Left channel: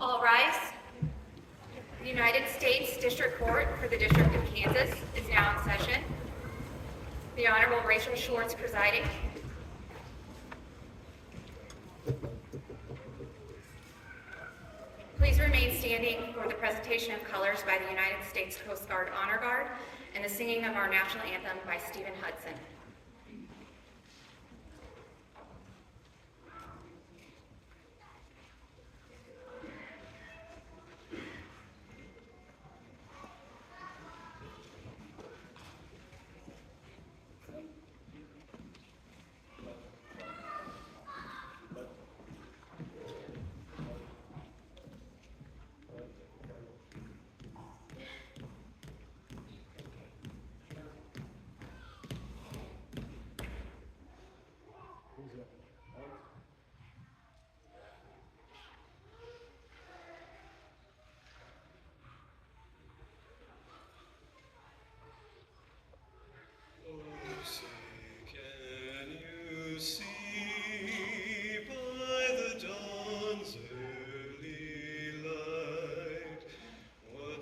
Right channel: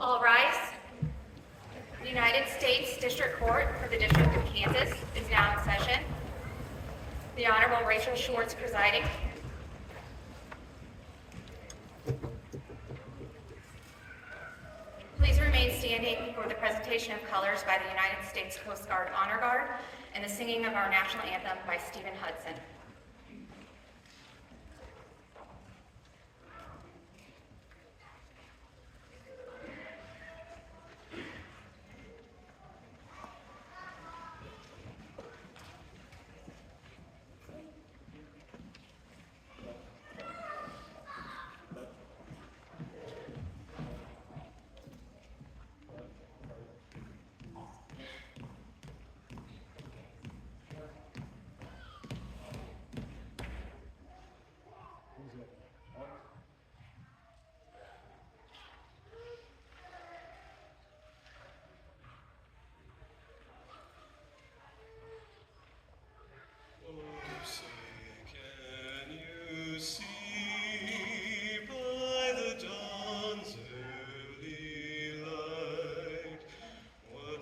All rise. The United States District Court for the District of Kansas is now in session. The Honorable Rachel Schwartz presiding. Please remain standing for the presentation of colors by the United States Coast Guard Honor Guard and the singing of our national anthem by Stephen Hudson.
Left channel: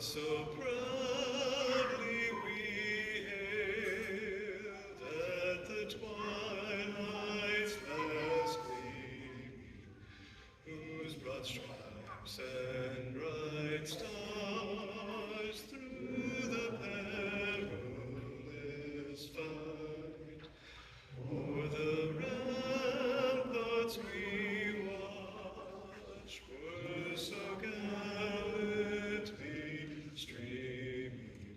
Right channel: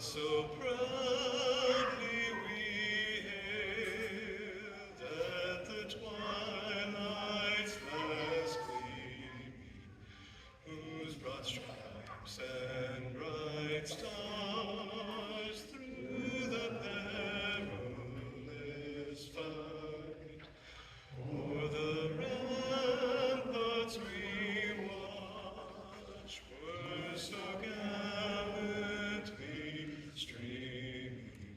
So proudly we hailed at the twilight's last gleaming, whose broad stripes and bright stars through the perilous fight, o'er the ramparts we watched were so gallantly streaming,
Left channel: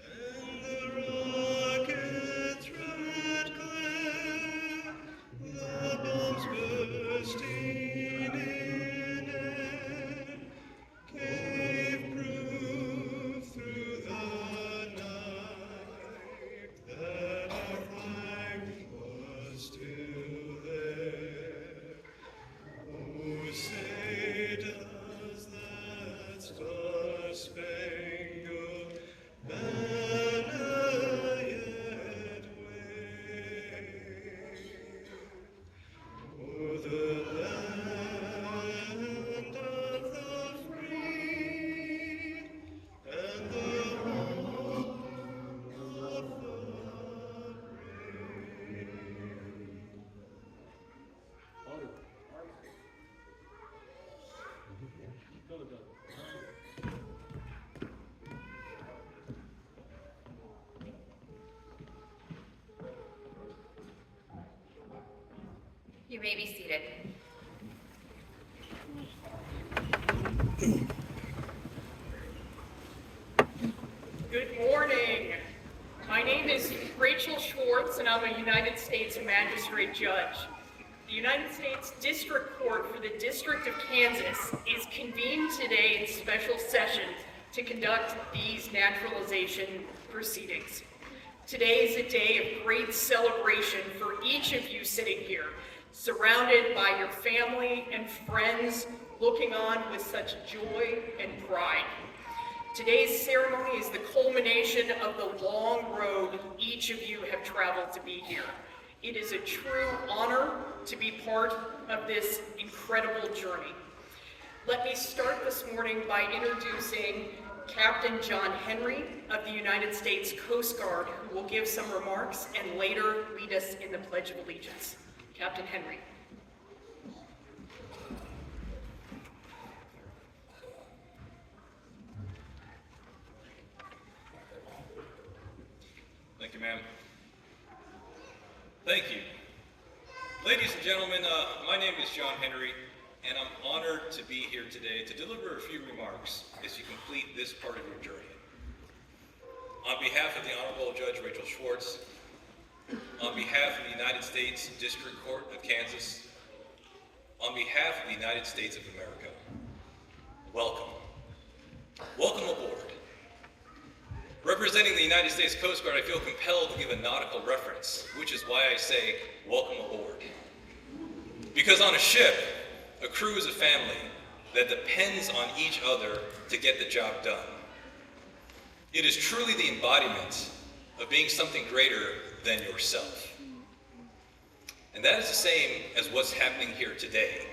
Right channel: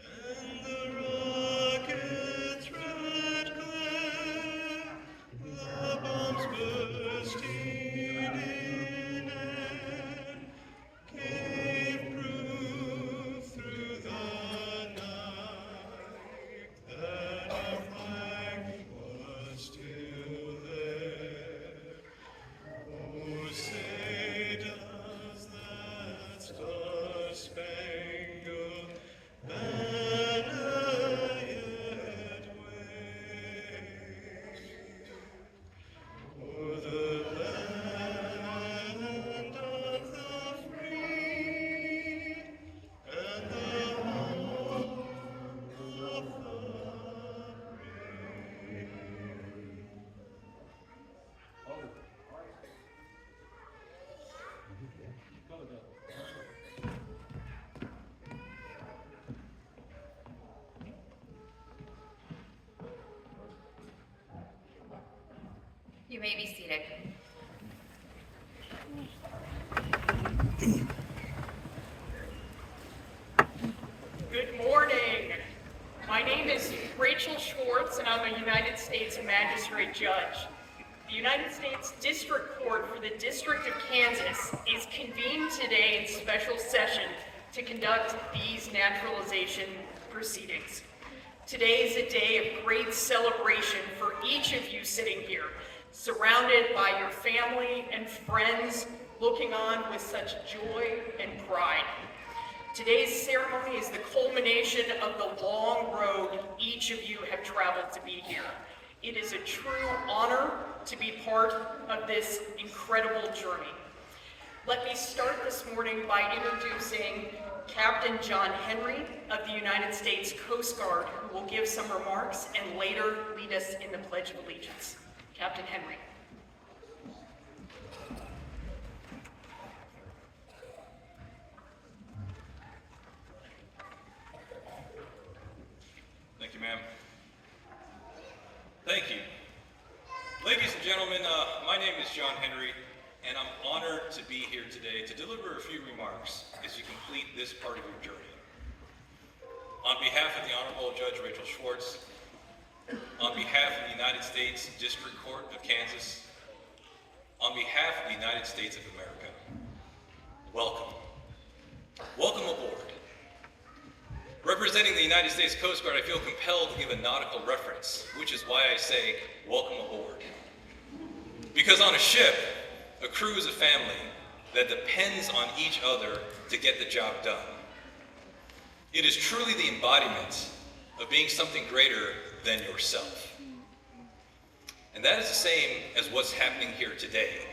and the rockets' red glare, the bombs bursting in air, gave proof through the night that our flag was still there. Oh, say does that star-spangled banner yet wave o'er the land of the free and the home of the brave? You may be seated. Good morning. My name is Rachel Schwartz, and I'm a United States Magistrate Judge. The United States District Court for the District of Kansas is convened today in special session to conduct these naturalization proceedings. Today is a day of great celebration for each of you sitting here, surrounded by your family and friends, looking on with such joy and pride. Today's ceremony is the culmination of the long road each of you have traveled to be here. It is a true honor to be part of this incredible journey. Let me start this morning by introducing Captain John Henry of the United States Coast Guard, who will give some remarks and later lead us in the Pledge of Allegiance. Captain Henry. Thank you, ma'am. Thank you. Ladies and gentlemen, my name is John Henry, and I'm honored to be here today to deliver a few remarks as you complete this part of your journey. On behalf of the Honorable Judge Rachel Schwartz, on behalf of the United States District Court of Kansas, on behalf of the United States of America, welcome. Welcome aboard. Representing the United States Coast Guard, I feel compelled to give a nautical reference, which is why I say, welcome aboard. Because on a ship, a crew is a family that depends on each other to get the job done. It is truly the embodiment of being something greater than yourself. And that is the same as what's happening here today.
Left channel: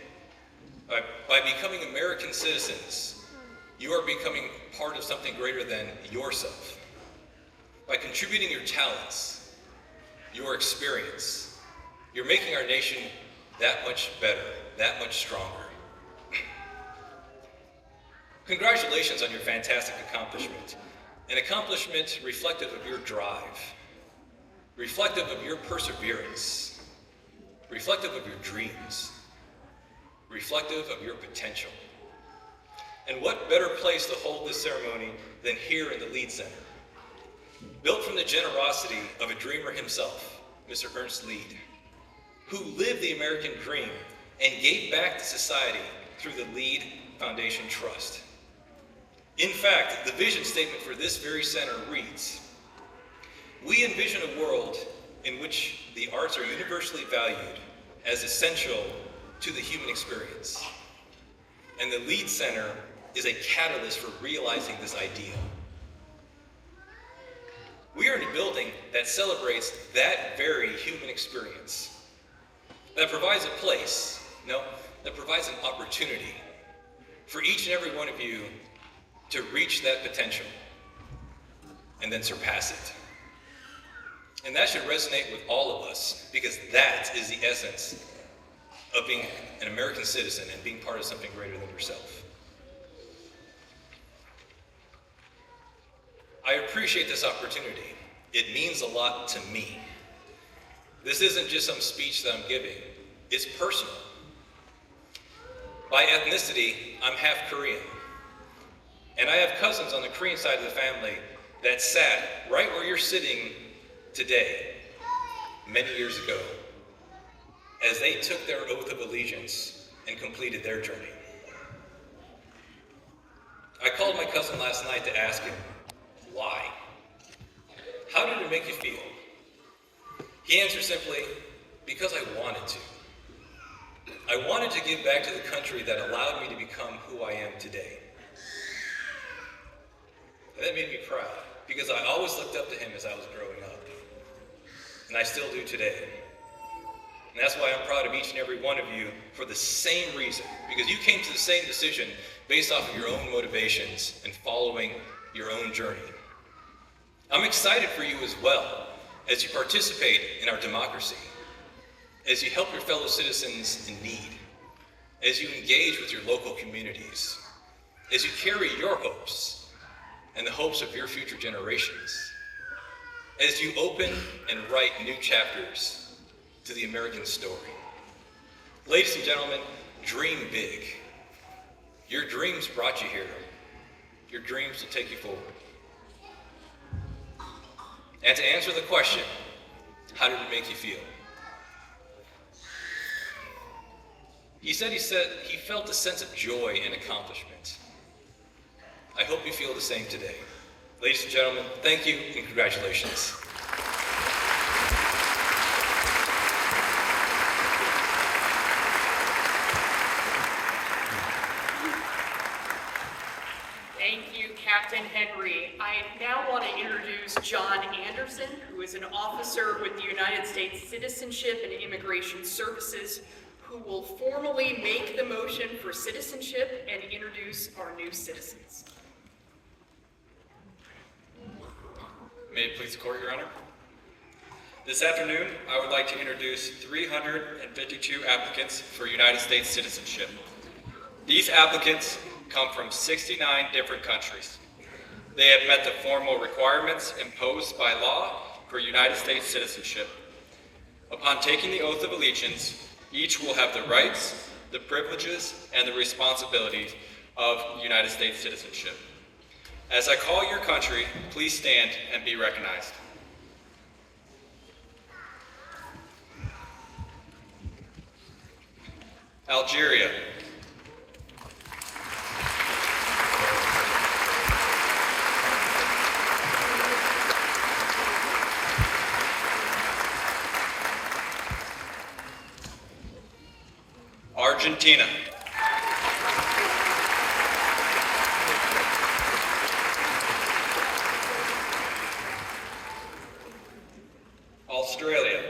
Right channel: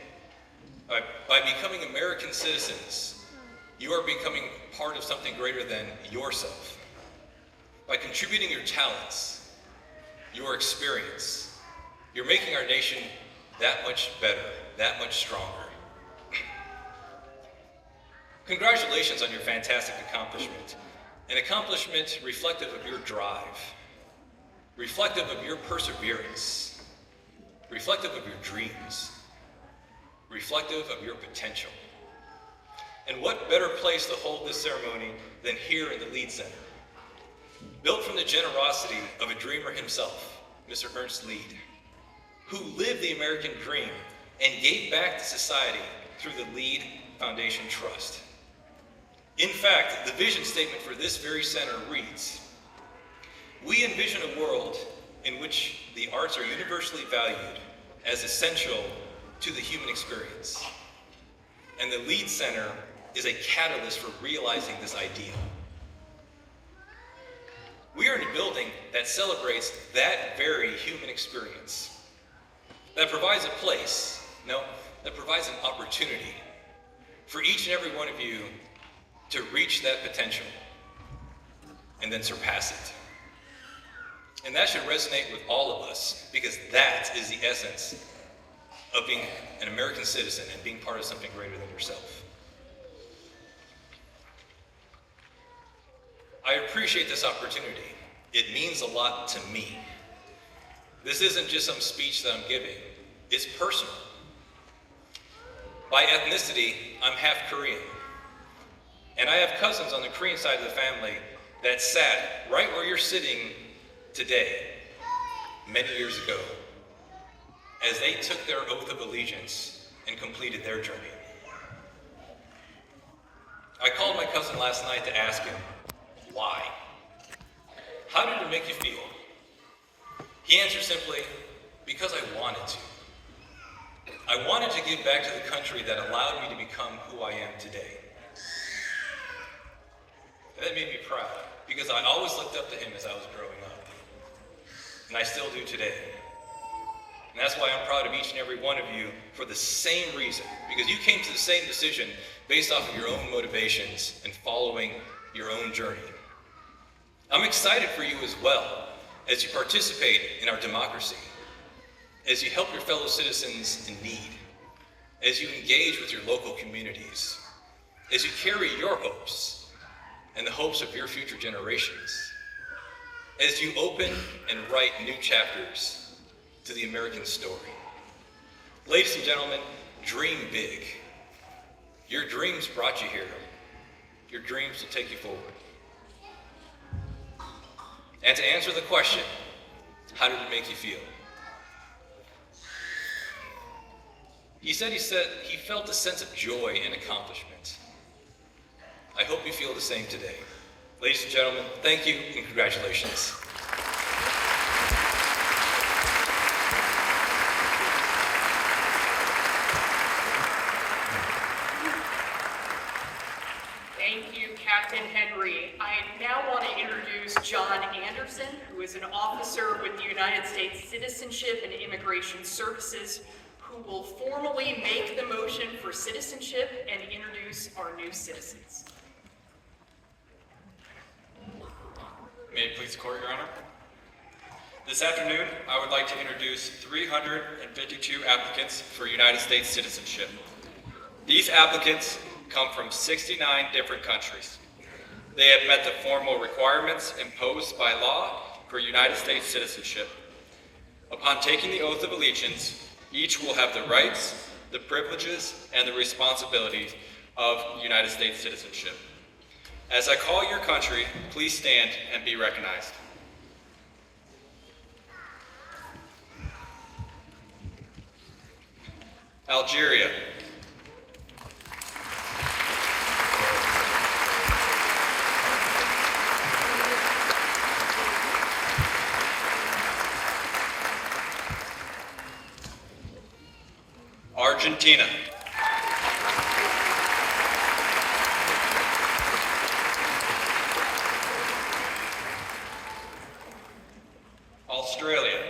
By becoming American citizens, you are becoming part of something greater than yourself. By contributing your talents, your experience, you're making our nation that much better, that much stronger. Congratulations on your fantastic accomplishment, an accomplishment reflective of your drive, reflective of your perseverance, reflective of your dreams, reflective of your potential. And what better place to hold this ceremony than here in the Lead Center? Built from the generosity of a dreamer himself, Mr. Ernst Lead, who lived the American dream and gave back to society through the Lead Foundation Trust. In fact, the vision statement for this very center reads, "We envision a world in which the arts are universally valued as essential to the human experience. And the Lead Center is a catalyst for realizing this ideal." We are in a building that celebrates that very human experience, that provides a place, that provides an opportunity for each and every one of you to reach that potential and then surpass it. And that should resonate with all of us, because that is the essence of being an American citizen and being part of something greater than yourself. I appreciate this opportunity. It means a lot to me. This isn't just some speech that I'm giving. It's personal. By ethnicity, I'm half Korean. And I have cousins on the Korean side of the family that sat right where you're sitting today, many years ago, as they took their oath of allegiance and completed their journey. I called my cousin last night to ask him, why? How did it make you feel? He answered simply, because I wanted to. I wanted to give back to the country that allowed me to become who I am today. That made me proud, because I always looked up to him as I was growing up. And I still do today. And that's why I'm proud of each and every one of you for the same reason, because you came to the same decision based off of your own motivations and following your own journey. I'm excited for you as well, as you participate in our democracy, as you help your fellow citizens in need, as you engage with your local communities, as you carry your hopes and the hopes of your future generations, as you open and write new chapters to the American story. Ladies and gentlemen, dream big. Your dreams brought you here. Your dreams will take you forward. And to answer the question, how did it make you feel? He said he felt a sense of joy and accomplishment. I hope you feel the same today. Ladies and gentlemen, thank you and congratulations. Thank you, Captain Henry. I now want to introduce John Anderson, who is an officer with the United States Citizenship and Immigration Services, who will formally make the motion for citizenship and introduce our new citizens. May it please the court, Your Honor. This afternoon, I would like to introduce 352 applicants for United States citizenship. These applicants come from 69 different countries. They have met the formal requirements imposed by law for United States citizenship. Upon taking the oath of allegiance, each will have the rights, the privileges, and the responsibilities of United States citizenship. As I call your country, please stand and be recognized. Algeria. Argentina. Australia.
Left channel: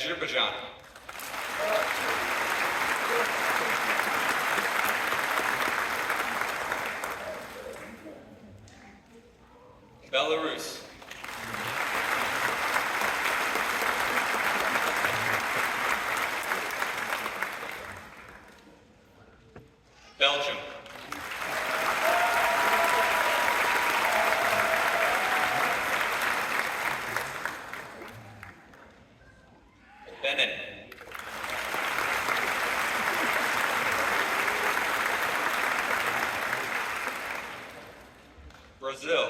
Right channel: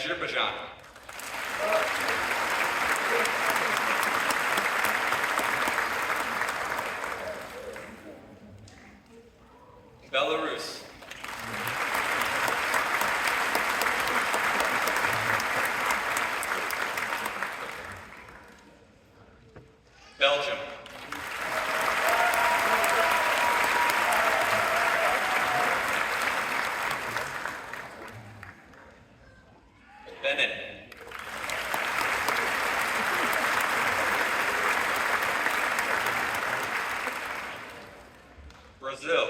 Azerbaijan, Belarus, Belgium, Benin, Brazil,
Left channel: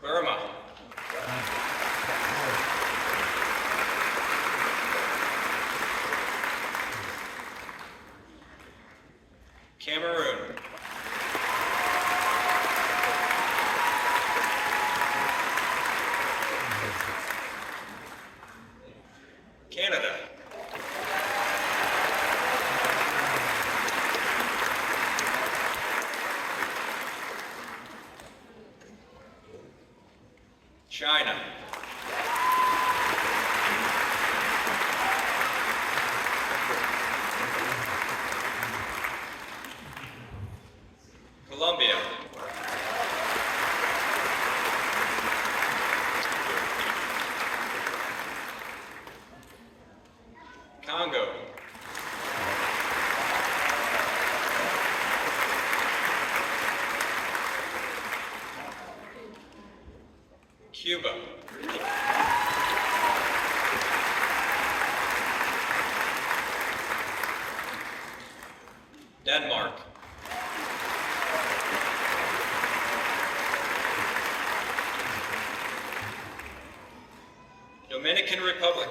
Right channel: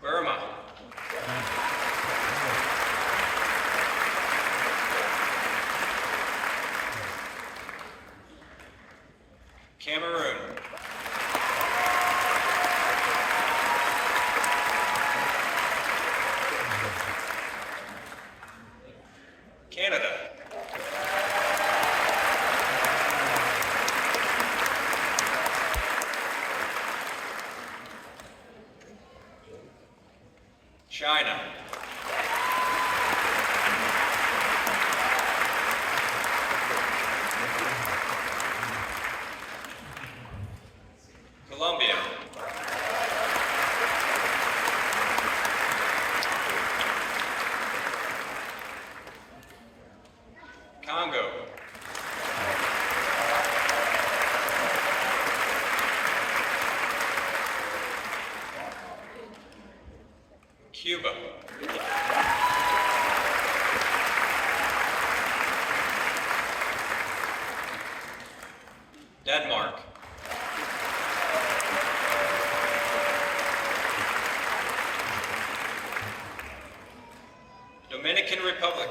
Burma, Cameroon, Canada, China, Colombia, Congo, Cuba, Denmark, Dominican Republic,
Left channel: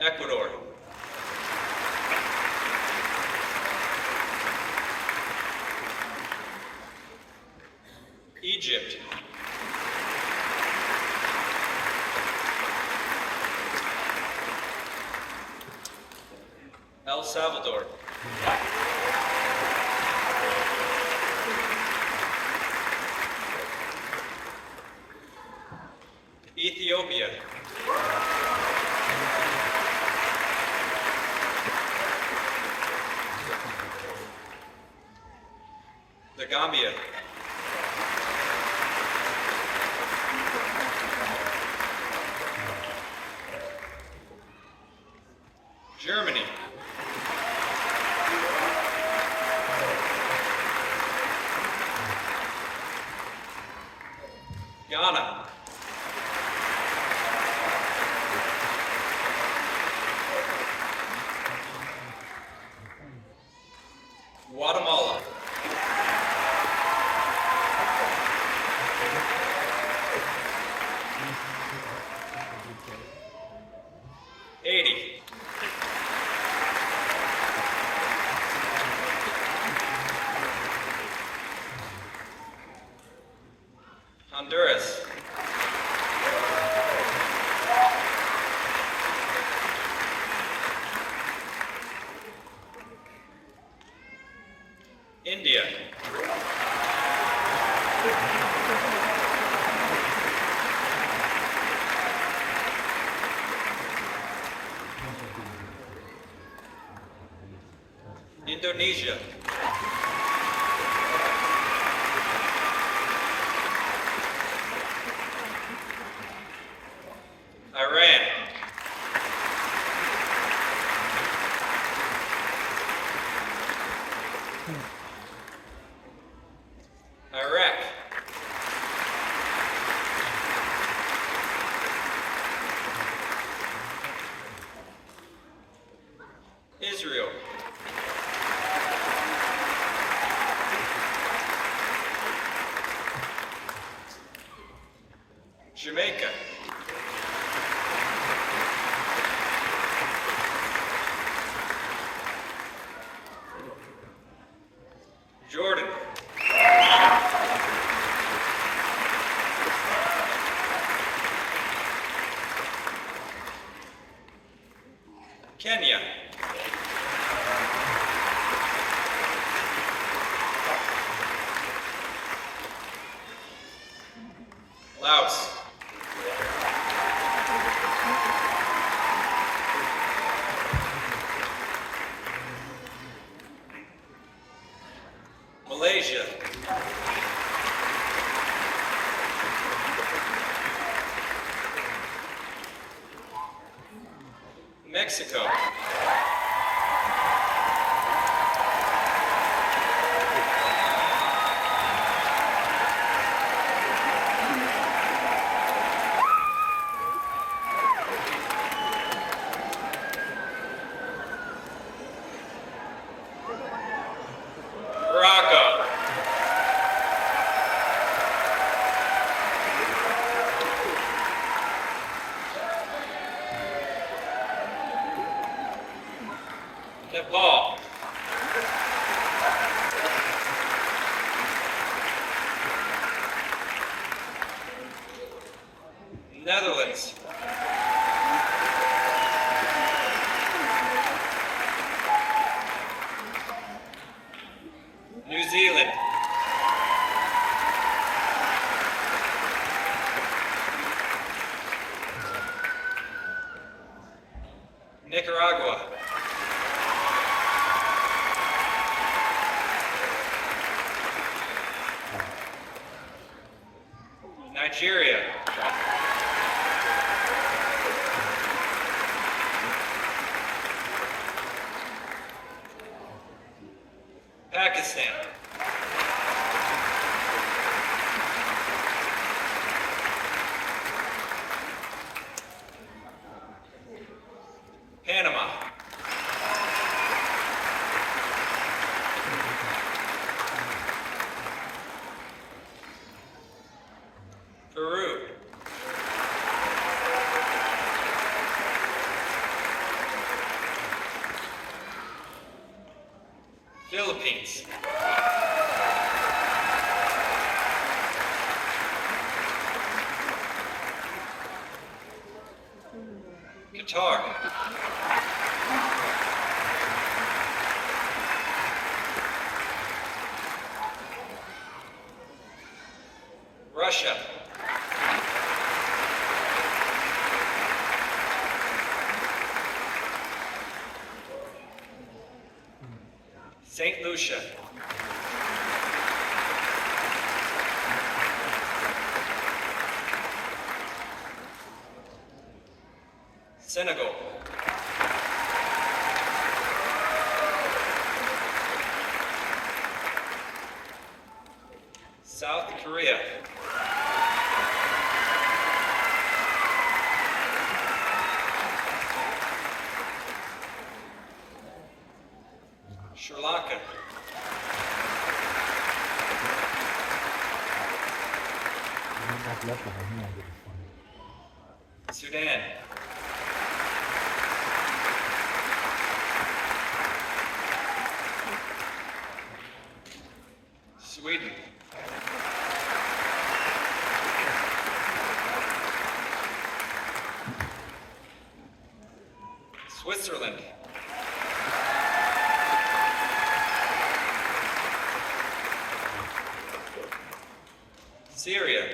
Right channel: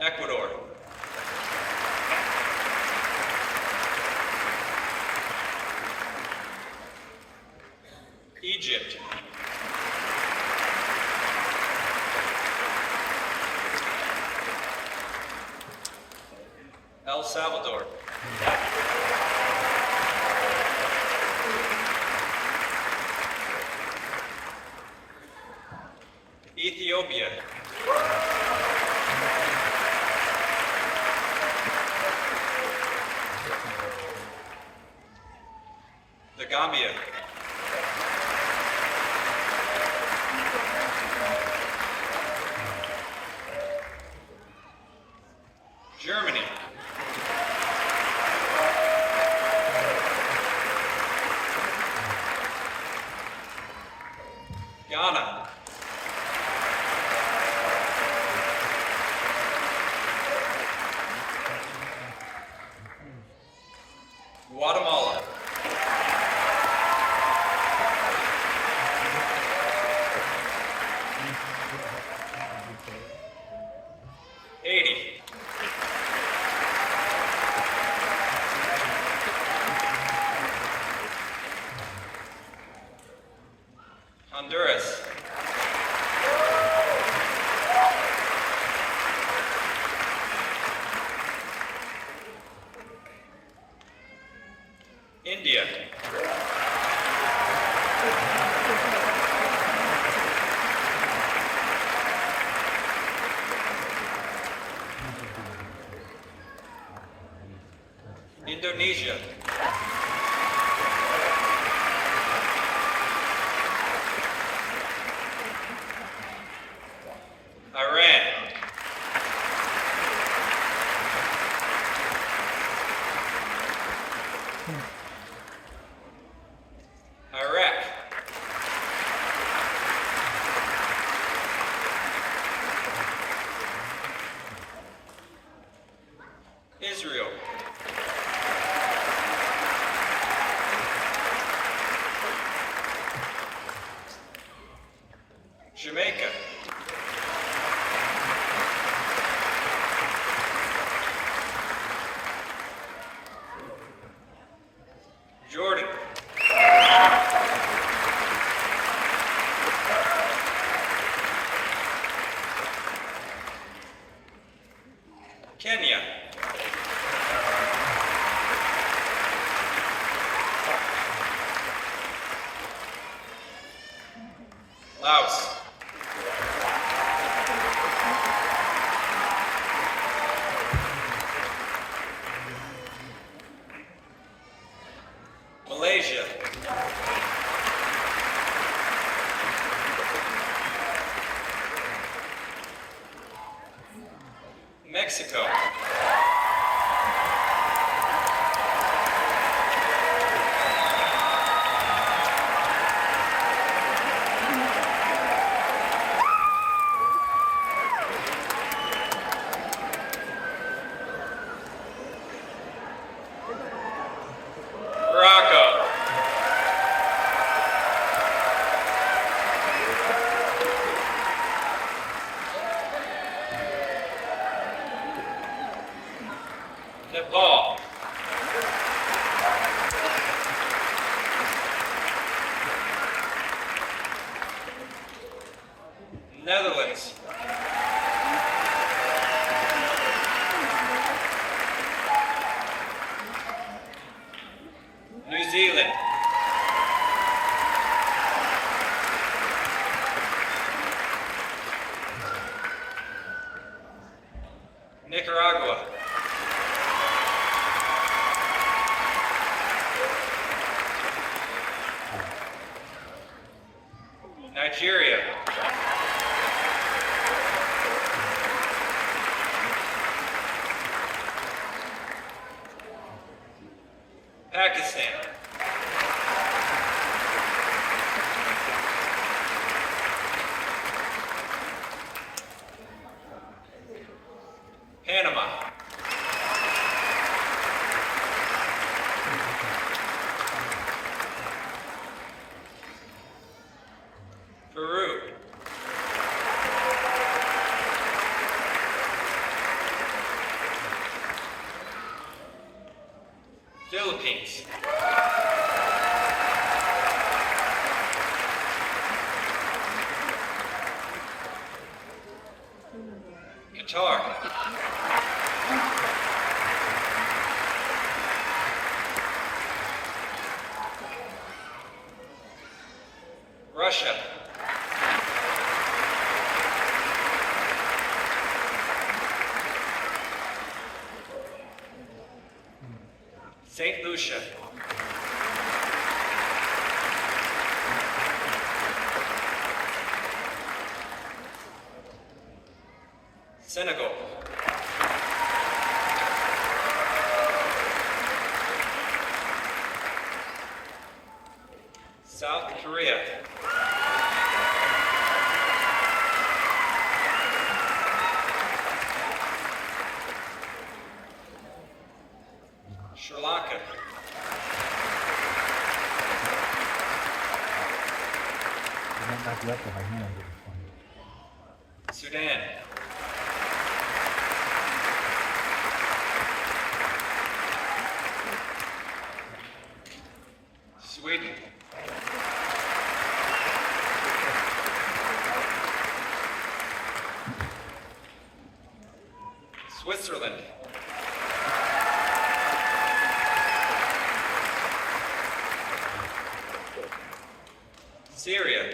Ecuador, Egypt, El Salvador, Ethiopia, the Gambia, Germany, Ghana, Guatemala, Haiti, Honduras, India, Indonesia, Iran, Iraq, Israel, Jamaica, Jordan, Laos. Malaysia. Mexico. Morocco. Nepal. Netherlands. New Zealand. Nicaragua. Nigeria. Pakistan. Panama. Peru. Philippines. Qatar. Russia. St. Lucia. Senegal. South Korea. Sri Lanka. Sudan. Sweden. Switzerland. Syria.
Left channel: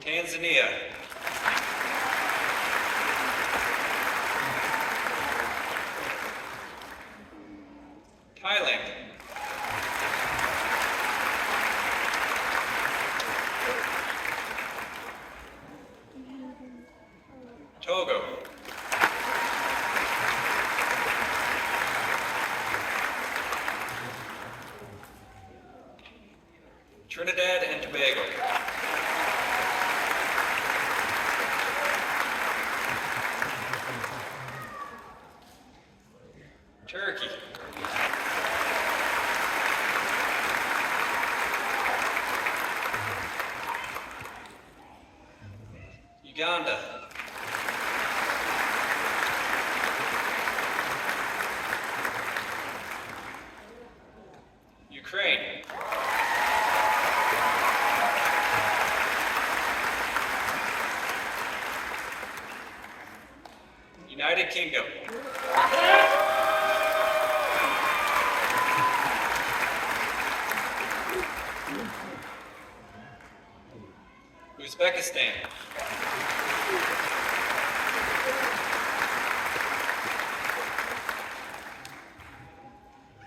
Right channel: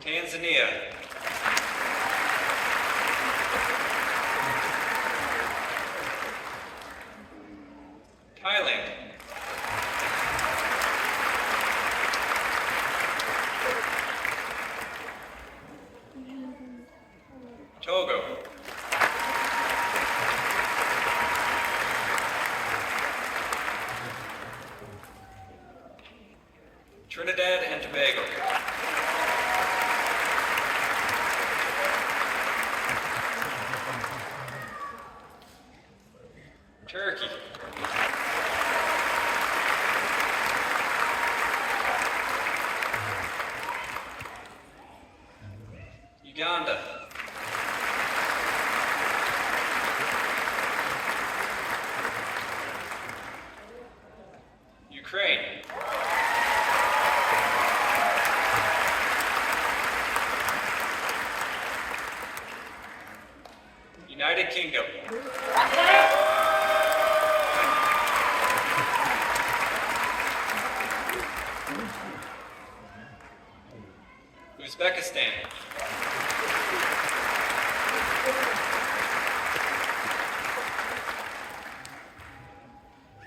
Tanzania. Thailand. Togo. Trinidad and Tobago. Turkey. Uganda. Ukraine. United Kingdom. stand.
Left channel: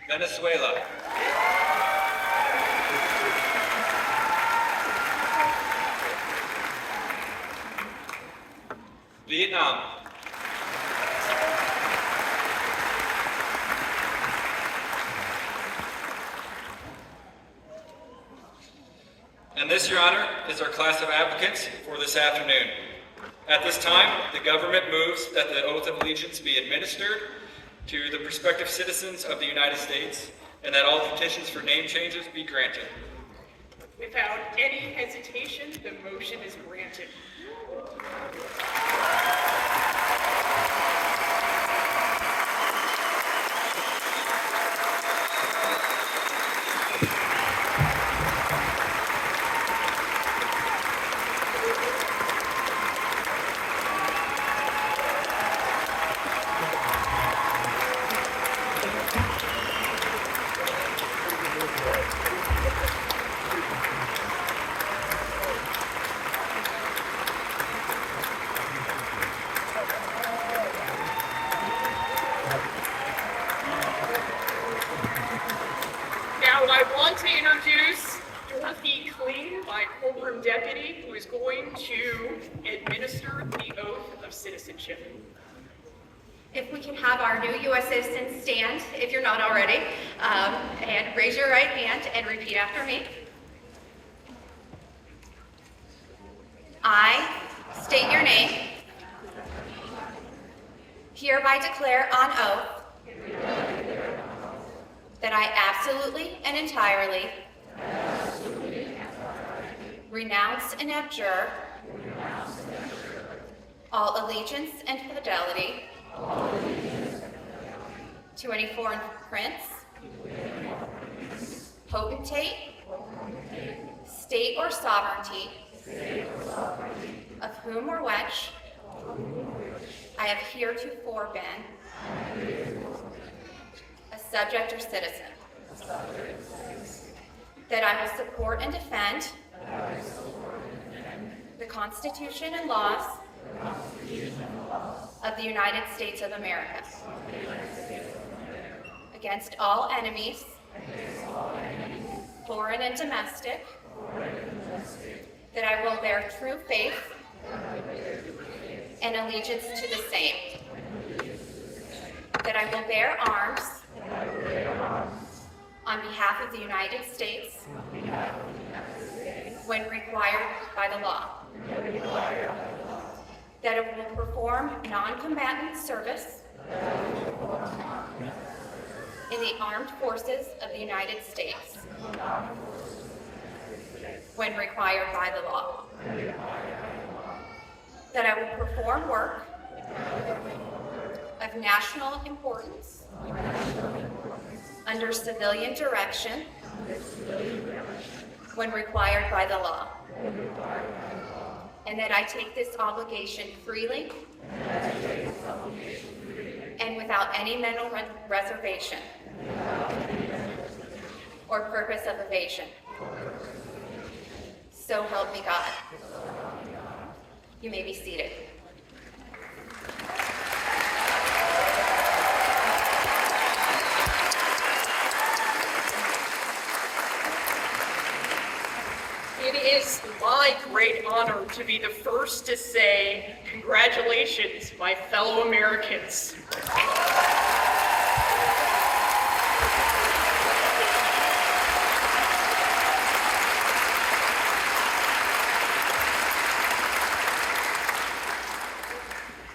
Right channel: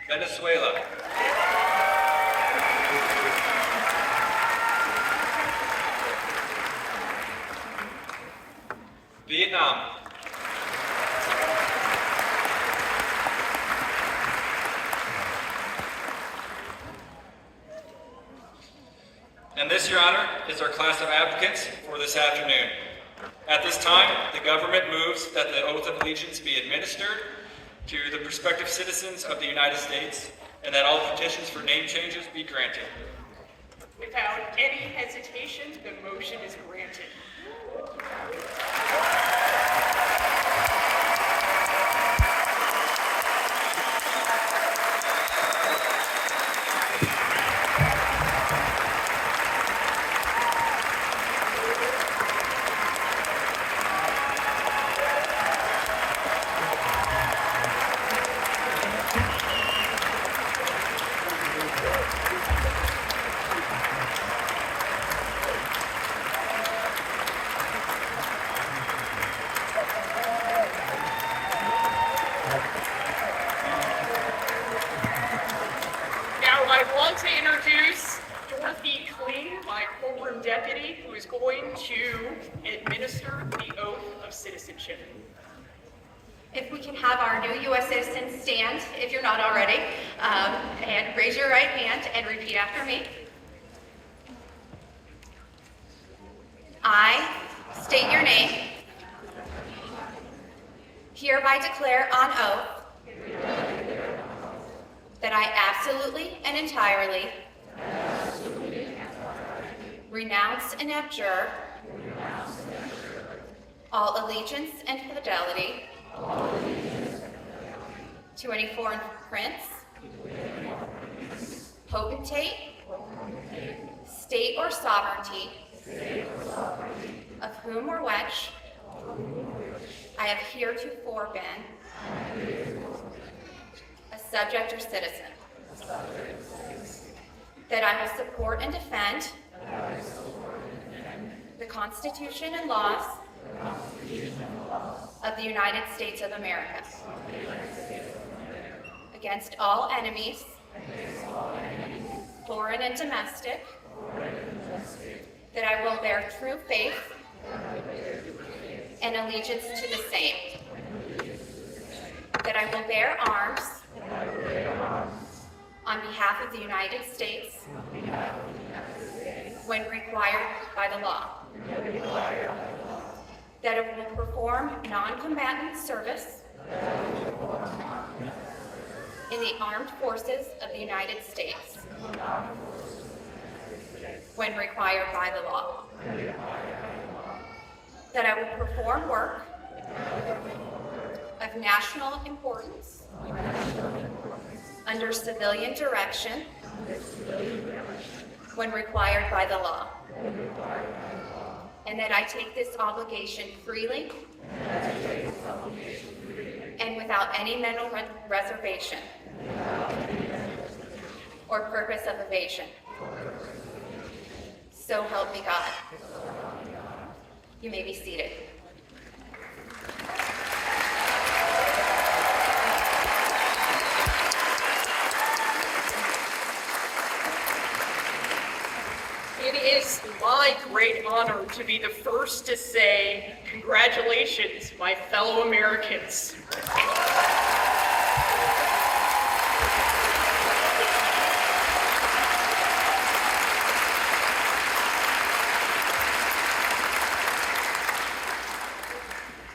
Venezuela. Vietnam. And this, Your Honor, is our class of applicants for this afternoon. At this time, the government moves that the oath of allegiance be administered to the prospective citizens of the United States, and that all petitions for name changes be granted. Without any hesitation, the motion is granted. Now I want to introduce Dorothy Kling, my courtroom deputy, who is going to administer the oath of citizenship. If we can have our new U.S. citizens stand, if you're not already, and raise your right hand and repeat after me. I state your name. Hereby declare on oath that I absolutely and entirely renounce and abjure all allegiance and fidelity to any foreign prince, potentate, state or sovereignty, of whom or which I have heretofore been a subject or citizen, that I will support and defend the Constitution and laws of the United States of America against all enemies, foreign and domestic, that I will bear true faith and allegiance to the same, that I will bear arms on behalf of the United States when required by the law, that I will perform non-combatant service in the armed forces of the United States when required by the law, that I will perform work of national importance under civilian direction when required by the law, and that I take this obligation freely and without any mental reservation or purpose of evasion. So help me God. You may be seated. It is my great honor to be the first to say congratulations, my fellow Americans.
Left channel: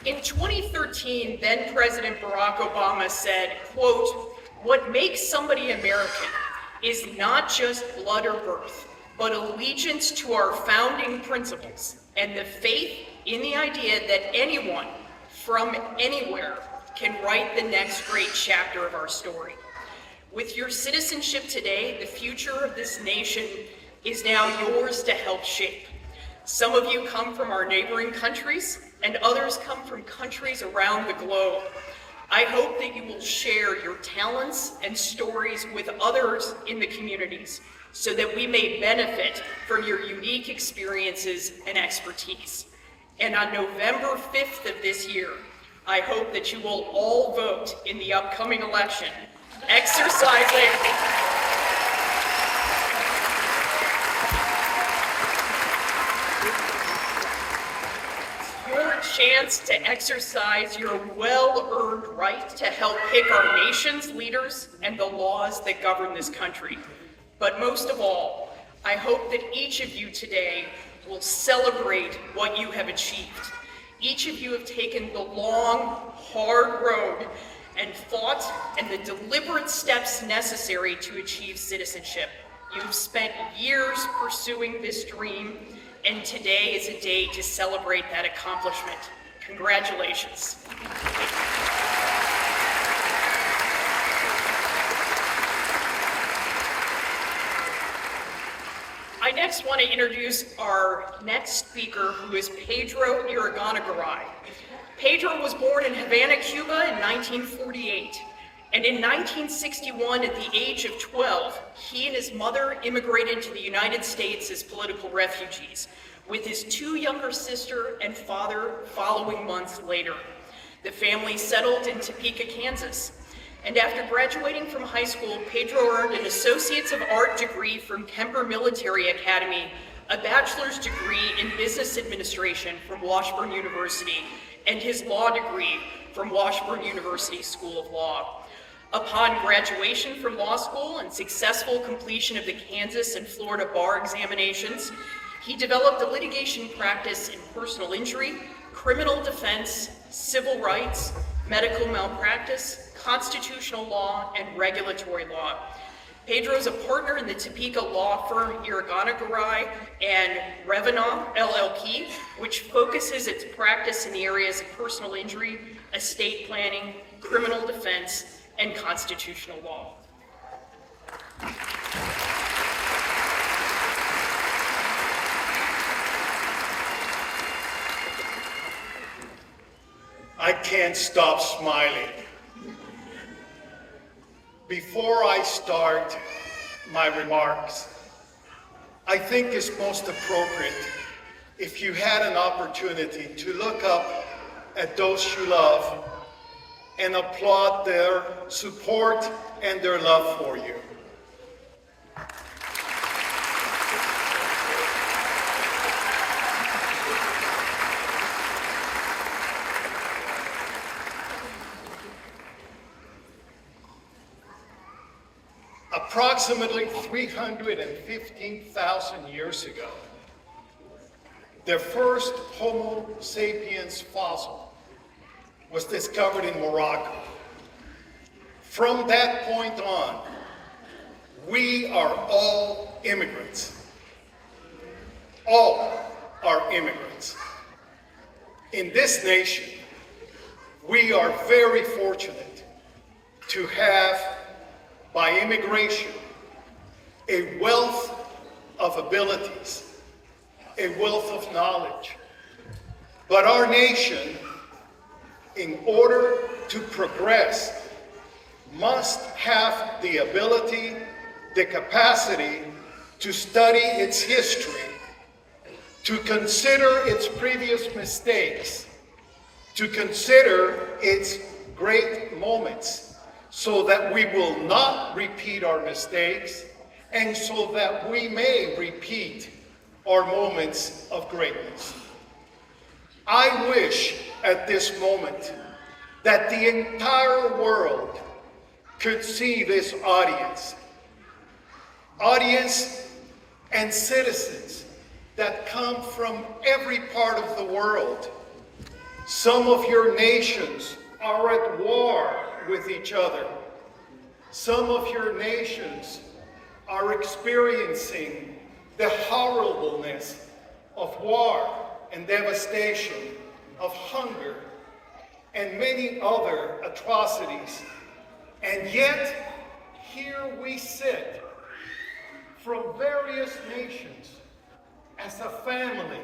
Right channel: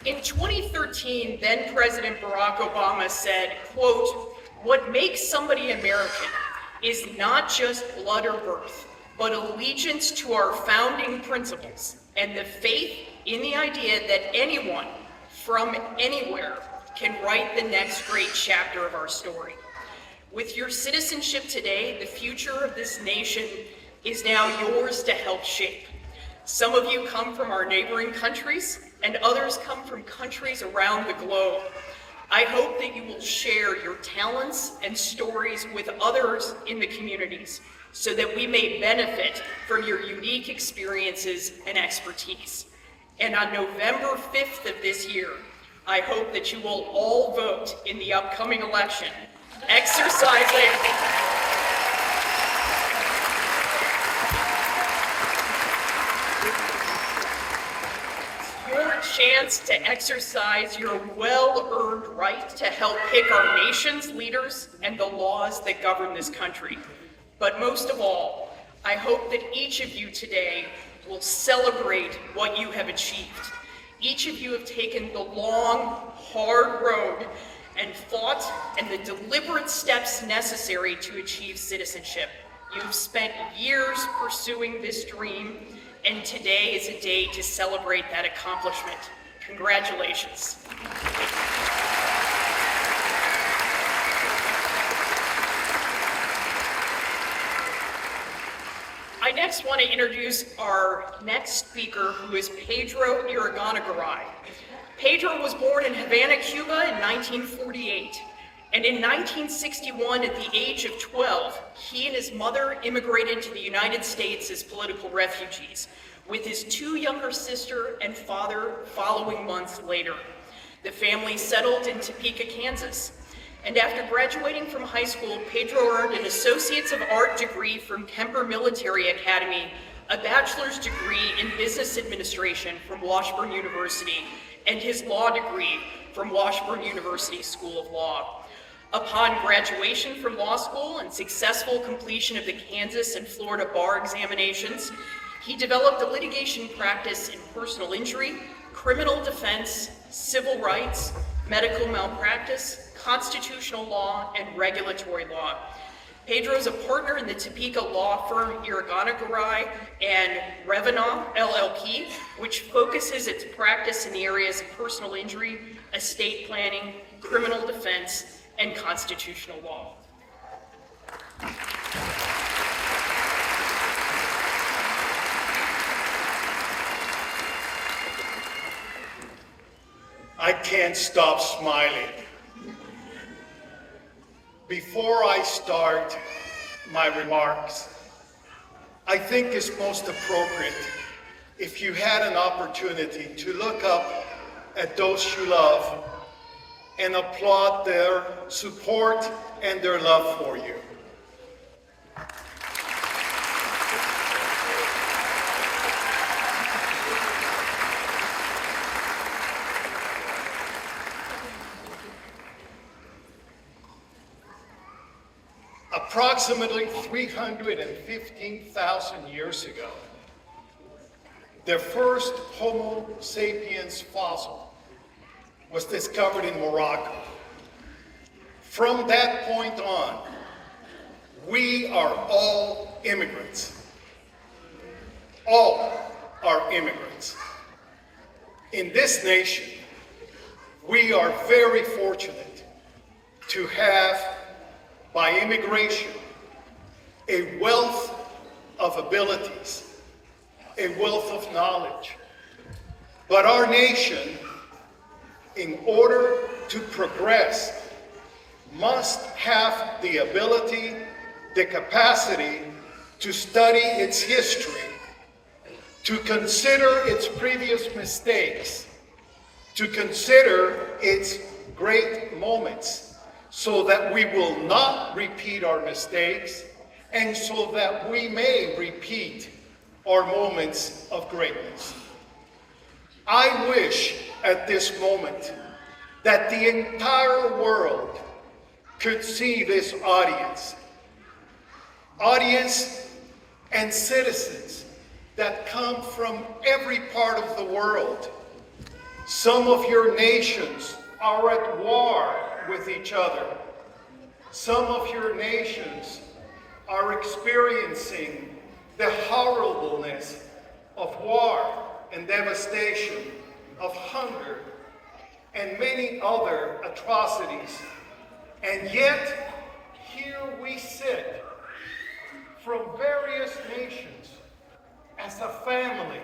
In 2013, then President Barack Obama said, quote, "What makes somebody American is not just blood or birth, but allegiance to our founding principles and the faith in the idea that anyone from anywhere can write the next great chapter of our story. With your citizenship today, the future of this nation is now yours to help shape. Some of you come from our neighboring countries, and others come from countries around the globe. I hope that you will share your talents and stories with others in the communities so that we may benefit from your unique experiences and expertise. And on November 5th of this year, I hope that you will all vote in the upcoming election, exercising your chance to exercise your well-earned right to help pick our nation's leaders and the laws that govern this country. But most of all, I hope that each of you today will celebrate what you have achieved. Each of you have taken the long, hard road and fought and the deliberate steps necessary to achieve citizenship. You've spent years pursuing this dream, and today is a day to celebrate that accomplishment. Congratulations. I next want to introduce our next speaker, who is Pedro Irigoyen. Pedro was born in Havana, Cuba in 1948, and in 1961, at the age of 12, he and his mother immigrated to the United States as political refugees, with his 2 younger sister and father following months later. The family settled in Topeka, Kansas. And after graduating from high school, Pedro earned an Associates of Art degree from Kemper Military Academy, a bachelor's degree in business administration from Washburn University, and his law degree from Washburn University School of Law. Upon graduation from law school and successful completion of the Kansas and Florida bar examinations, he developed a litigation practice in personal injury, criminal defense, civil rights, medical malpractice, constitutional law, and regulatory law. Pedro is a partner in the Topeka law firm Irigoyen and Revenant LLP, which focuses its practice in the areas of personal injury, estate planning, criminal defense, and constitutional law. I can't stop smiling. Before I start my remarks, I think it's most appropriate if you had an opportunity to look up at those you love and applaud their support and their love for you. Approximately 315,000 years ago, the first Homo sapiens fossil was discovered in Morocco. From that point on, we are all immigrants. All are immigrants. In this nation, we are very fortunate to have, by immigration, a wealth of abilities, a wealth of knowledge. But our nation, in order to progress, must have the ability, the capacity to study its history, to consider its previous mistakes, to consider its great moments, so that we will not repeat our mistakes, and so that we may repeat our moments of greatness. I wish at this moment that the entire world could see this audience and citizens that come from every part of the world. Some of your nations are at war with each other. Some of your nations are experiencing the horribleness of war and devastation, of hunger, and many other atrocities. And yet, here we sit from various nations as a family.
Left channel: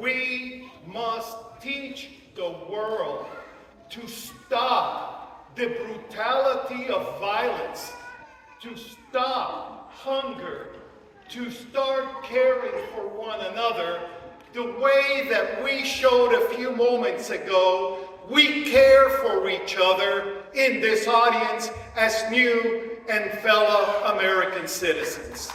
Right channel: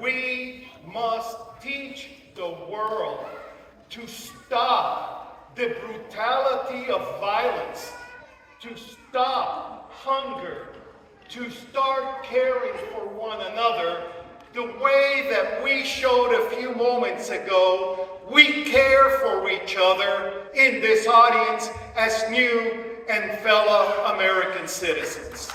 We must teach the world to stop the brutality of violence, to stop hunger, to start caring for one another the way that we showed a few moments ago. We care for each other in this audience as new and fellow American citizens.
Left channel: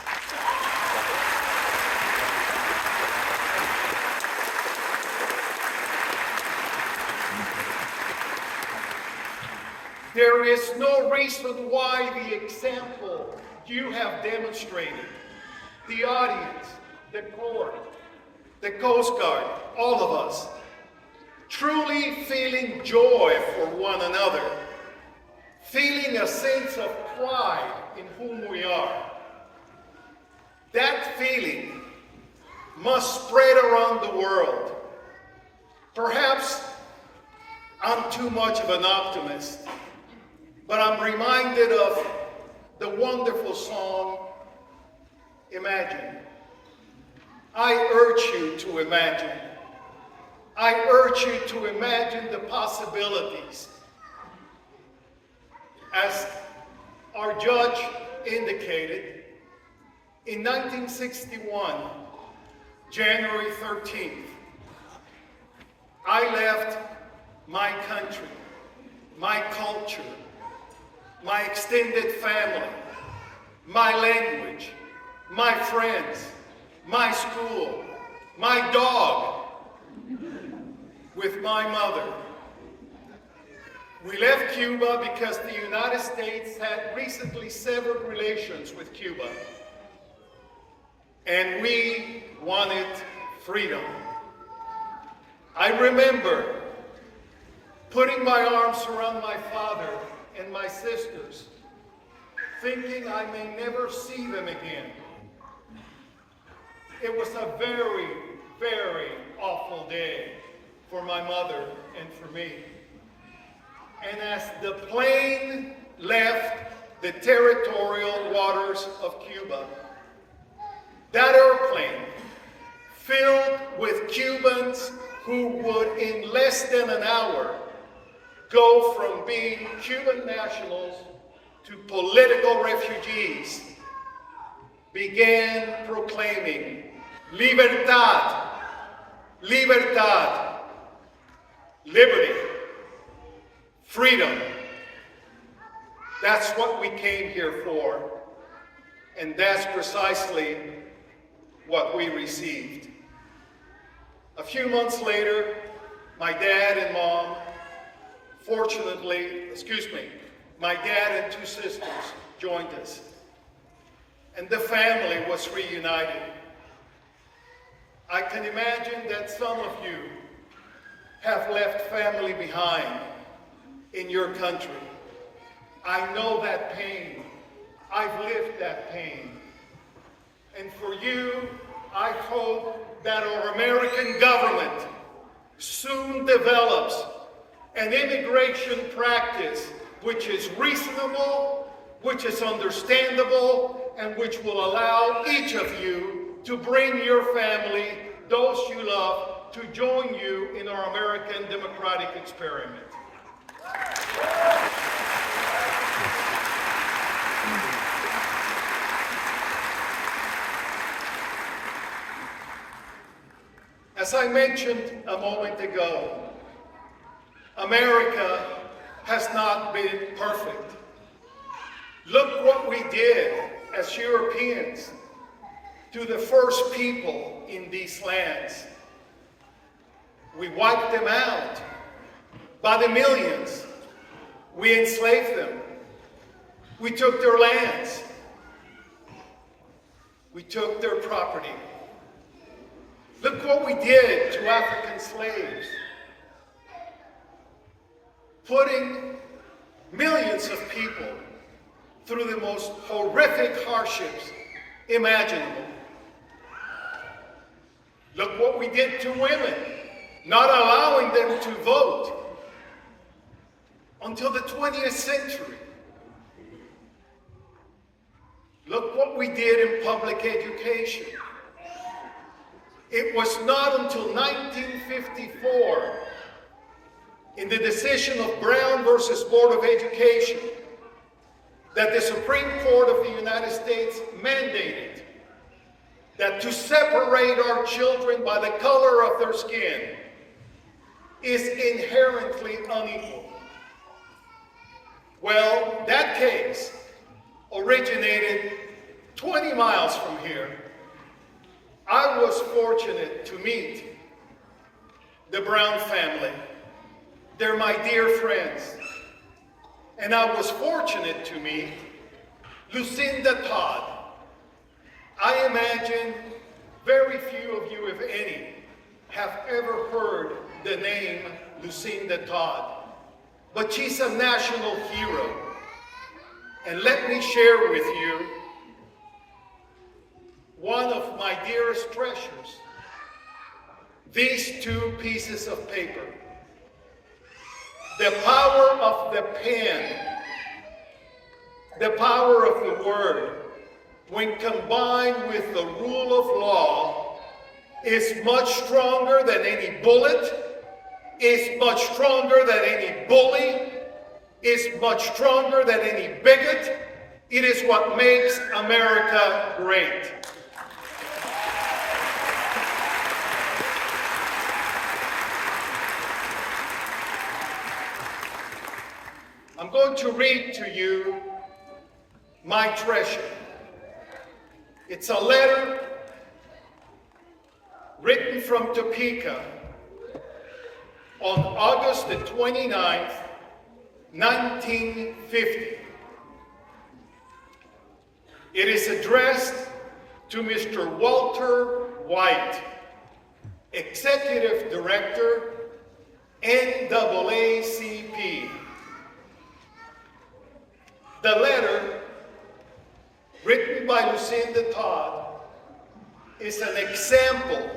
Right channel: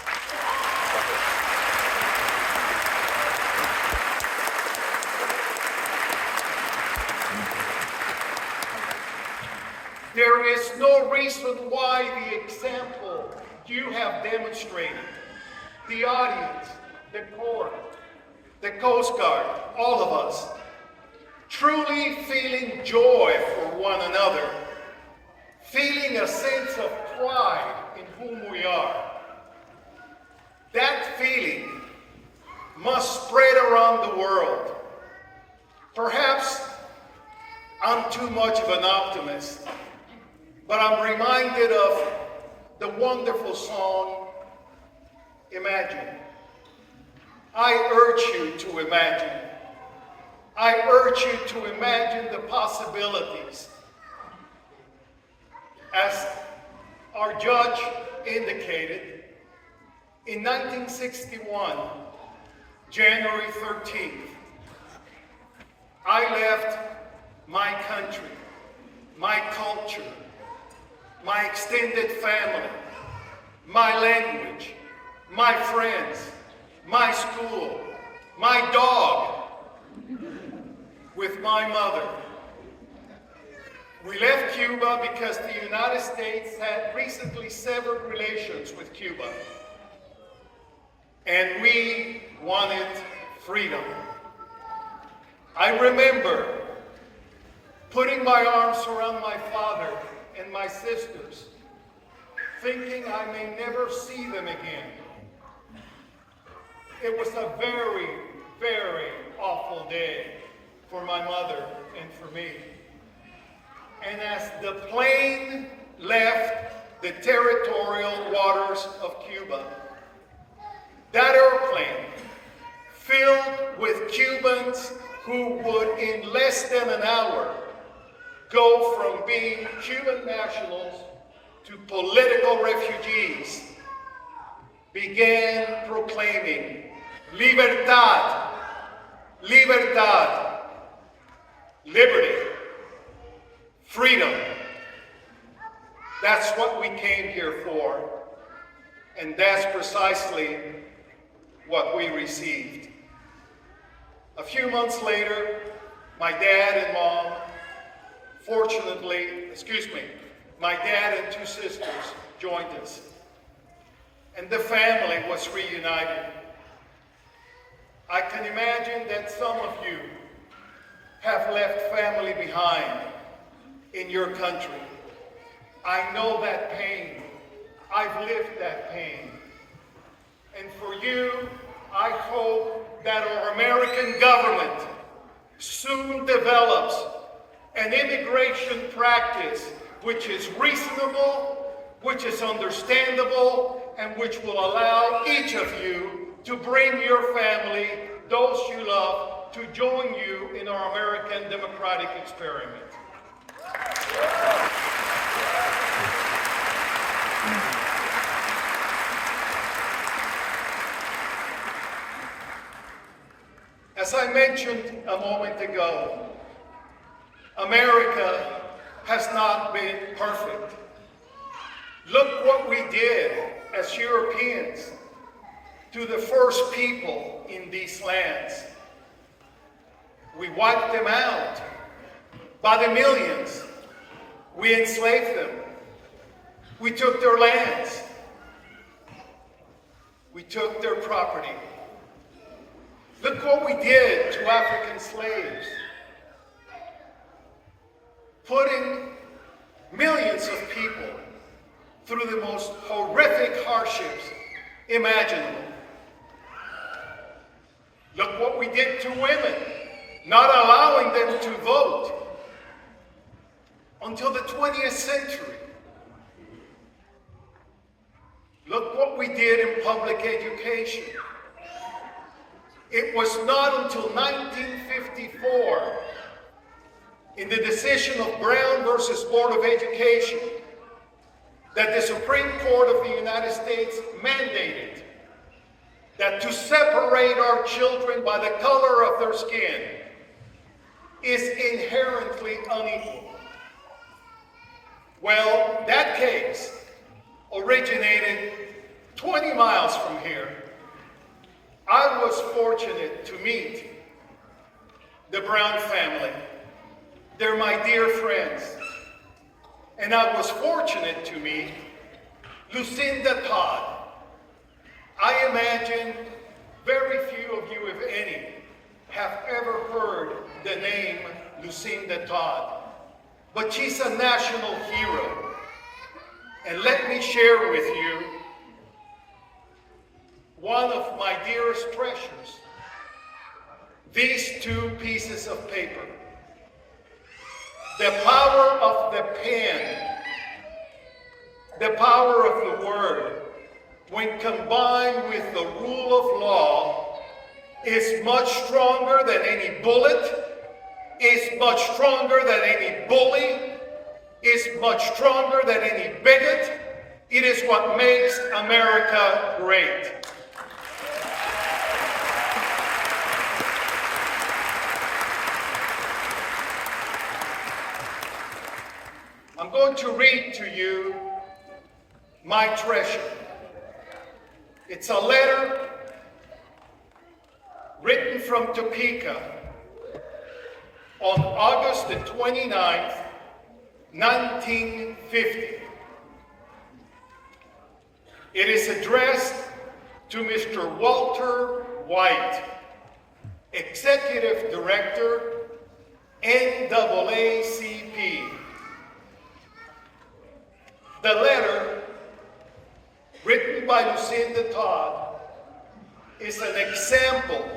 There is no reason why the example you have demonstrated, the audience, the court, the Coast Guard, all of us, truly feeling joy for one another, feeling a sense of pride in whom we are. That feeling must spread around the world. Perhaps I'm too much of an optimist, but I'm reminded of the wonderful song, Imagine. I urge you to imagine. I urge you to imagine the possibilities. As our judge indicated, in 1961, January 13th, I left my country, my culture, my extended family, my language, my friends, my school, my dog, with my mother. We left Cuba because the United States had recently severed relations with Cuba, and we wanted freedom. I remember putting my arms around my father and my sisters, thinking I may never see them again. It was a very, very awful day for my mother and for me. And as the plane left the territorial waters of Cuba, that airplane filled with Cubans who would in less than an hour go from being Cuban nationals to political refugees, began proclaiming libertad, libertad, liberty, freedom. That's what we came here for, and that's precisely what we received. A few months later, my dad and mom, my dad and two sisters joined us, and the family was reunited. I can imagine that some of you have left family behind in your country. I know that pain. I've lived that pain. And for you, I hope that our American government soon develops an immigration practice which is reasonable, which is understandable, and which will allow each of you to bring your family, those you love, to join you in our American democratic experiment. As I mentioned a moment ago, America has not been perfect. Look what we did as Europeans to the first people in these lands. We wiped them out by the millions. We enslaved them. We took their lands. We took their property. Look what we did to African slaves. Putting millions of people through the most horrific hardships imaginable. Look what we did to women, not allowing them to vote until the 20th century. Look what we did in public education. It was not until 1954 in the decision of Brown versus Board of Education that the Supreme Court of the United States mandated that to separate our children by the color of their skin is inherently unequal. Well, that case originated 20 miles from here. I was fortunate to meet the Brown family. They're my dear friends. And I was fortunate to meet Lucinda Todd. I imagine very few of you, if any, have ever heard the name Lucinda Todd. But she's a national hero. And let me share with you one of my dearest treasures. These two pieces of paper. The power of the pen, the power of the word, when combined with the rule of law, is much stronger than any bullet, is much stronger than any bully, is much stronger than any bigot. It is what makes America great. I'm going to read to you my treasure. It's a letter written from Topeka on August the 29th, 1950. It is addressed to Mr. Walter White, Executive Director, NAACP. The letter, written by Lucinda Todd, is an example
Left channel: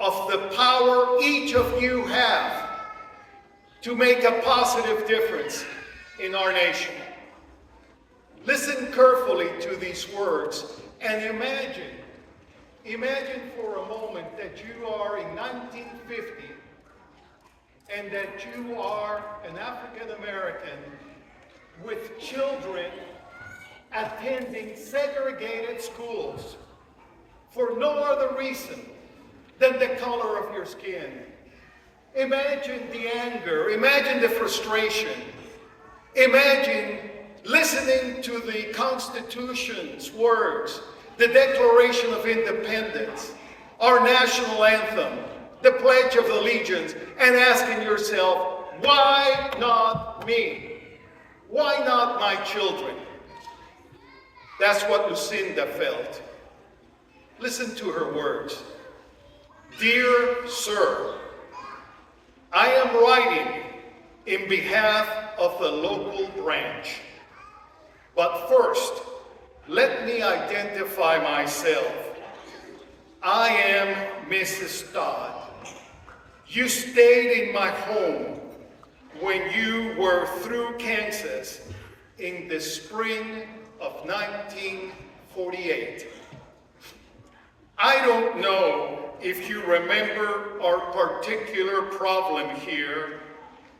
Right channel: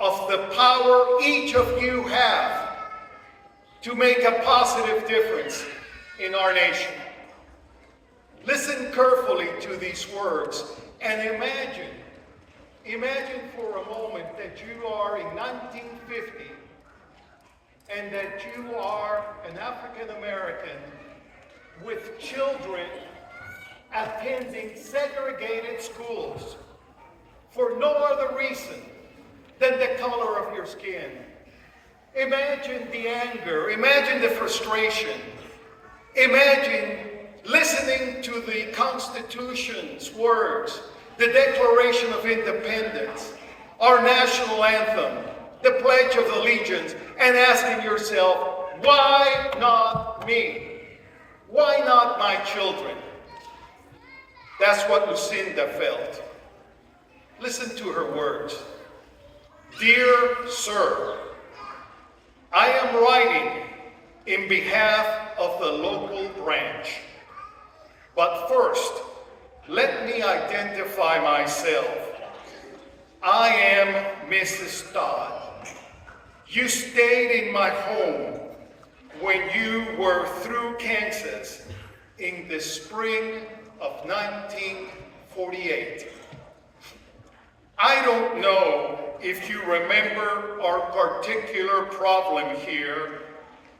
of the power each of you have to make a positive difference in our nation. Listen carefully to these words and imagine for a moment that you are in 1950 and that you are an African American with children attending segregated schools for no other reason than the color of your skin. Imagine the anger, imagine the frustration, imagine listening to the Constitution's words, the Declaration of Independence, our national anthem, the Pledge of Allegiance, and asking yourself, why not me? Why not my children? That's what Lucinda felt. Listen to her words. Dear Sir, I am writing in behalf of the local branch. But first, let me identify myself. I am Mrs. Todd. You stayed in my home when you were through Kansas in the spring of 1948. I don't know if you remember our particular problem here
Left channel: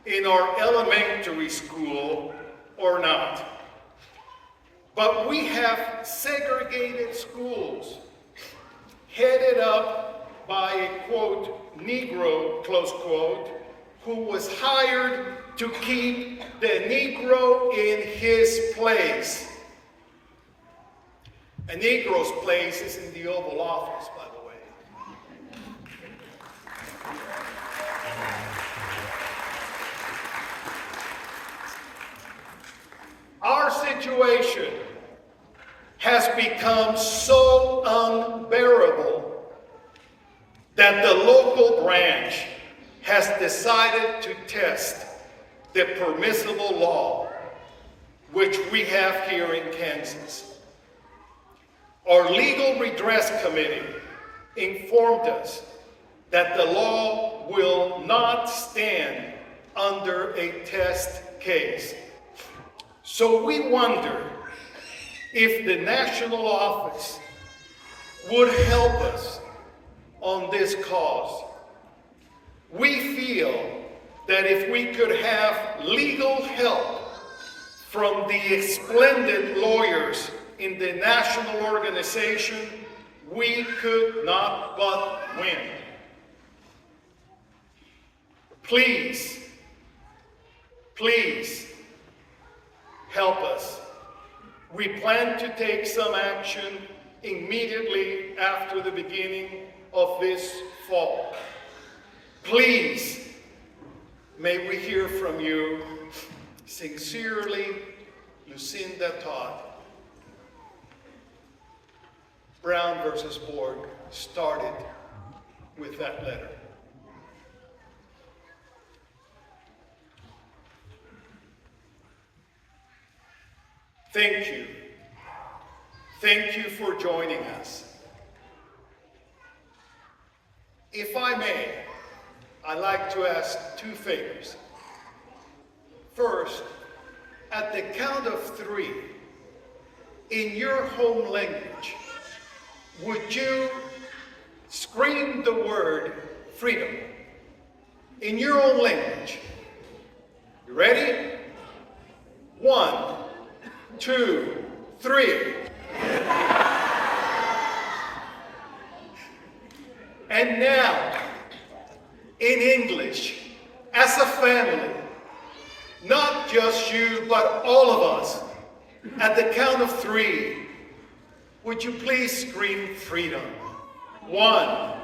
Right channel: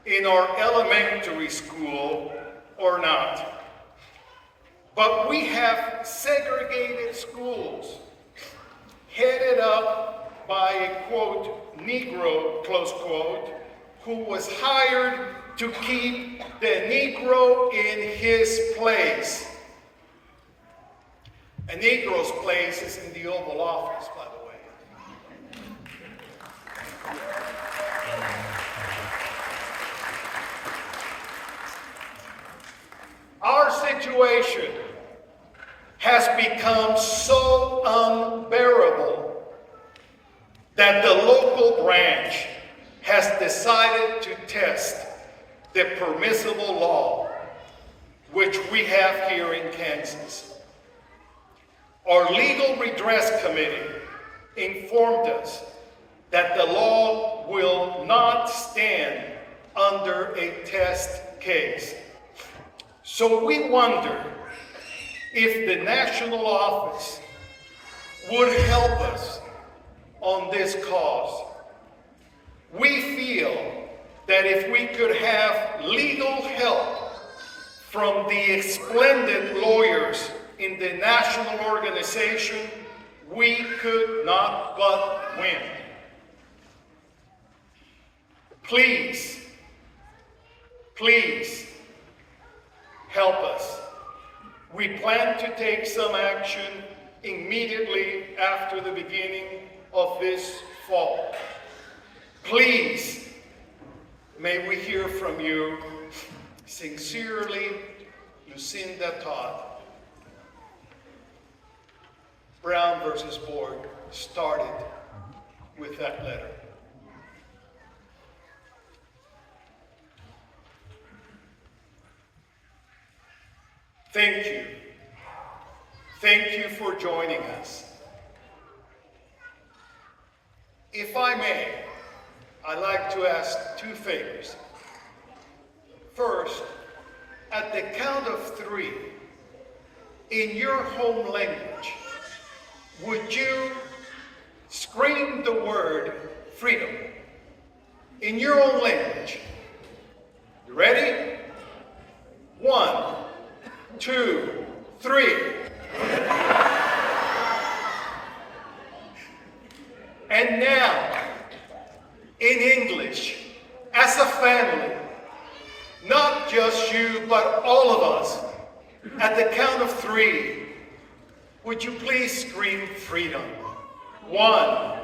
in our elementary school or not, but we have segregated schools headed up by a, quote, Negro, close quote, who was hired to keep the Negro in his place. A Negro's place is in the Oval Office, by the way. Our situation has become so unbearable that the local branch has decided to test the permissible law which we have here in Kansas. Our Legal Redress Committee informed us that the law will not stand under a test case. So we wonder if the national office would help us on this cause. We feel that if we could have legal help from the splendid lawyers in the national organization, we could not but win. Please, please help us. We plan to take some action immediately after the beginning of this fall. Please, may we hear from you. Sincerely, Lucinda Todd. Brown versus Board started with that letter. Thank you. Thank you for joining us. If I may, I'd like to ask two favors. First, at the count of 3, in your home language, would you scream the word freedom in your own language? You ready? 1, 2, 3. And now, in English, as a family, not just you, but all of us, at the count of 3, would you please scream freedom? 1,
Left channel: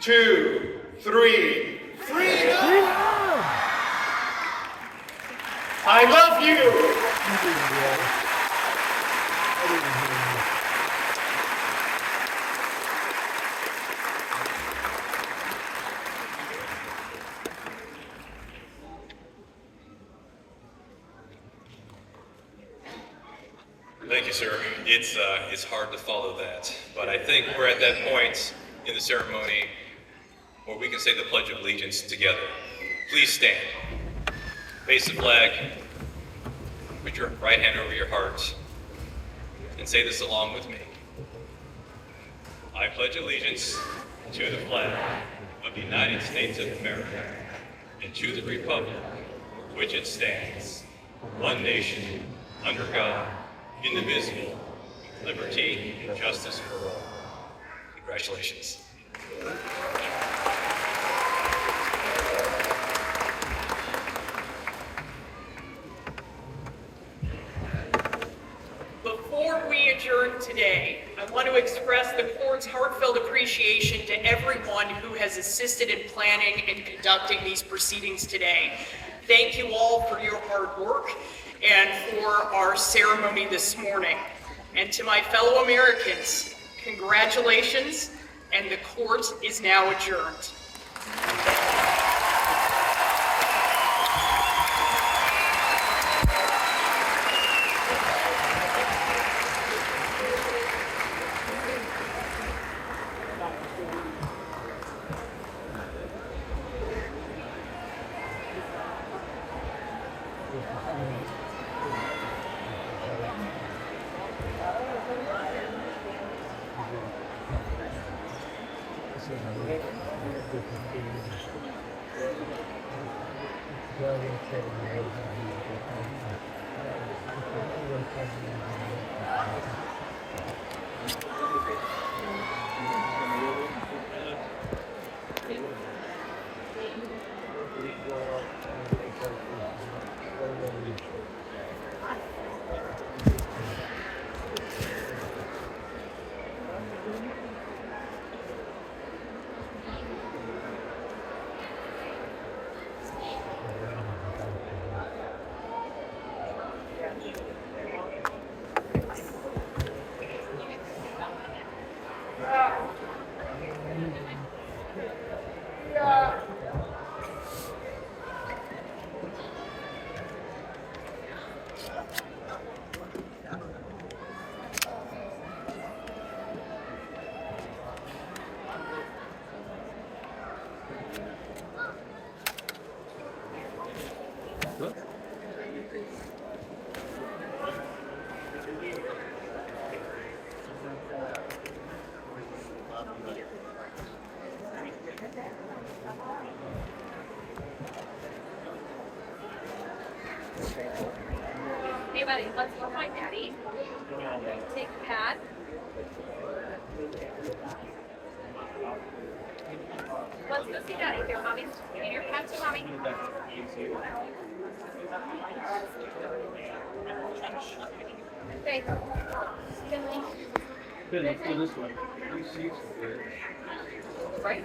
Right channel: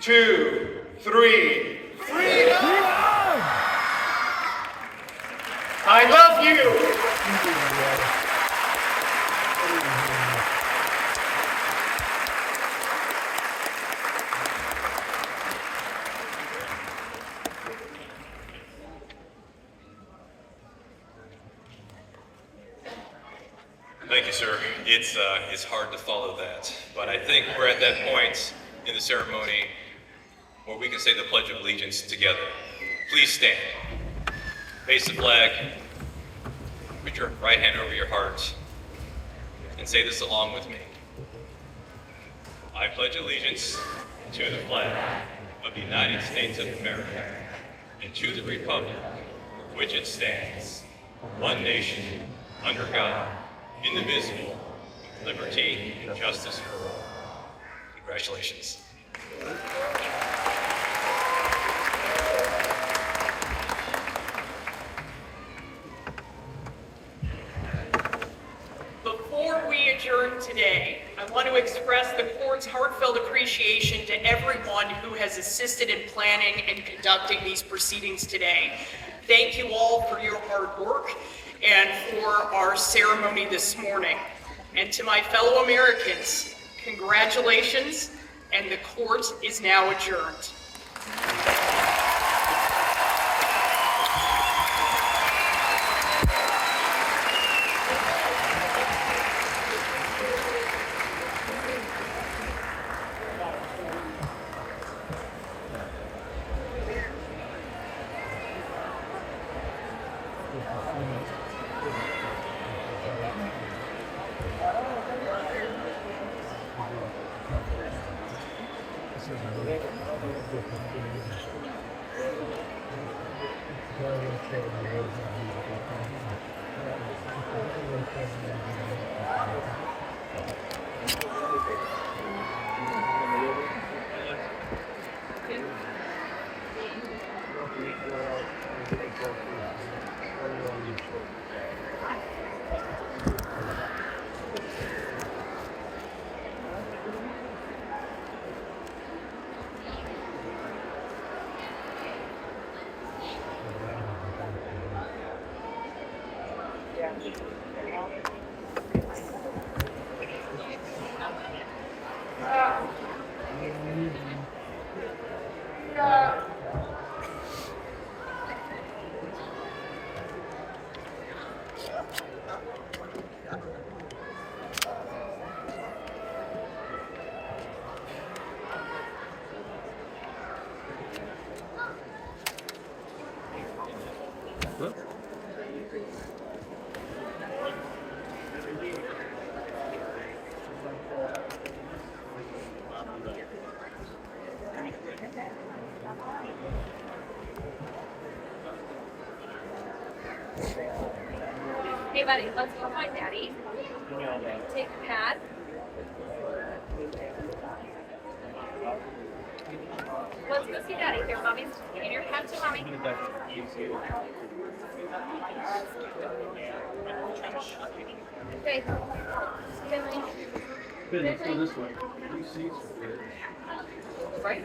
2, 3. Freedom! I love you! Thank you, sir. It's hard to follow that, but I think we're at that point in the ceremony where we can say the Pledge of Allegiance together. Please stand. Face the flag. Put your right hand over your heart and say this along with me. I pledge allegiance to the flag of the United States of America and to the republic for which it stands, one nation, under God, indivisible, liberty and justice for all. Congratulations. Before we adjourn today, I want to express the court's heartfelt appreciation to everyone who has assisted in planning and conducting these proceedings today. Thank you all for your hard work and for our ceremony this morning. And to my fellow Americans, congratulations, and the court is now adjourned. Daddy, let's go find Daddy. Take the pad. Let's go see Daddy. Here, Mommy's. Get your pad to Mommy. Okay. Good, let's go this way. Right.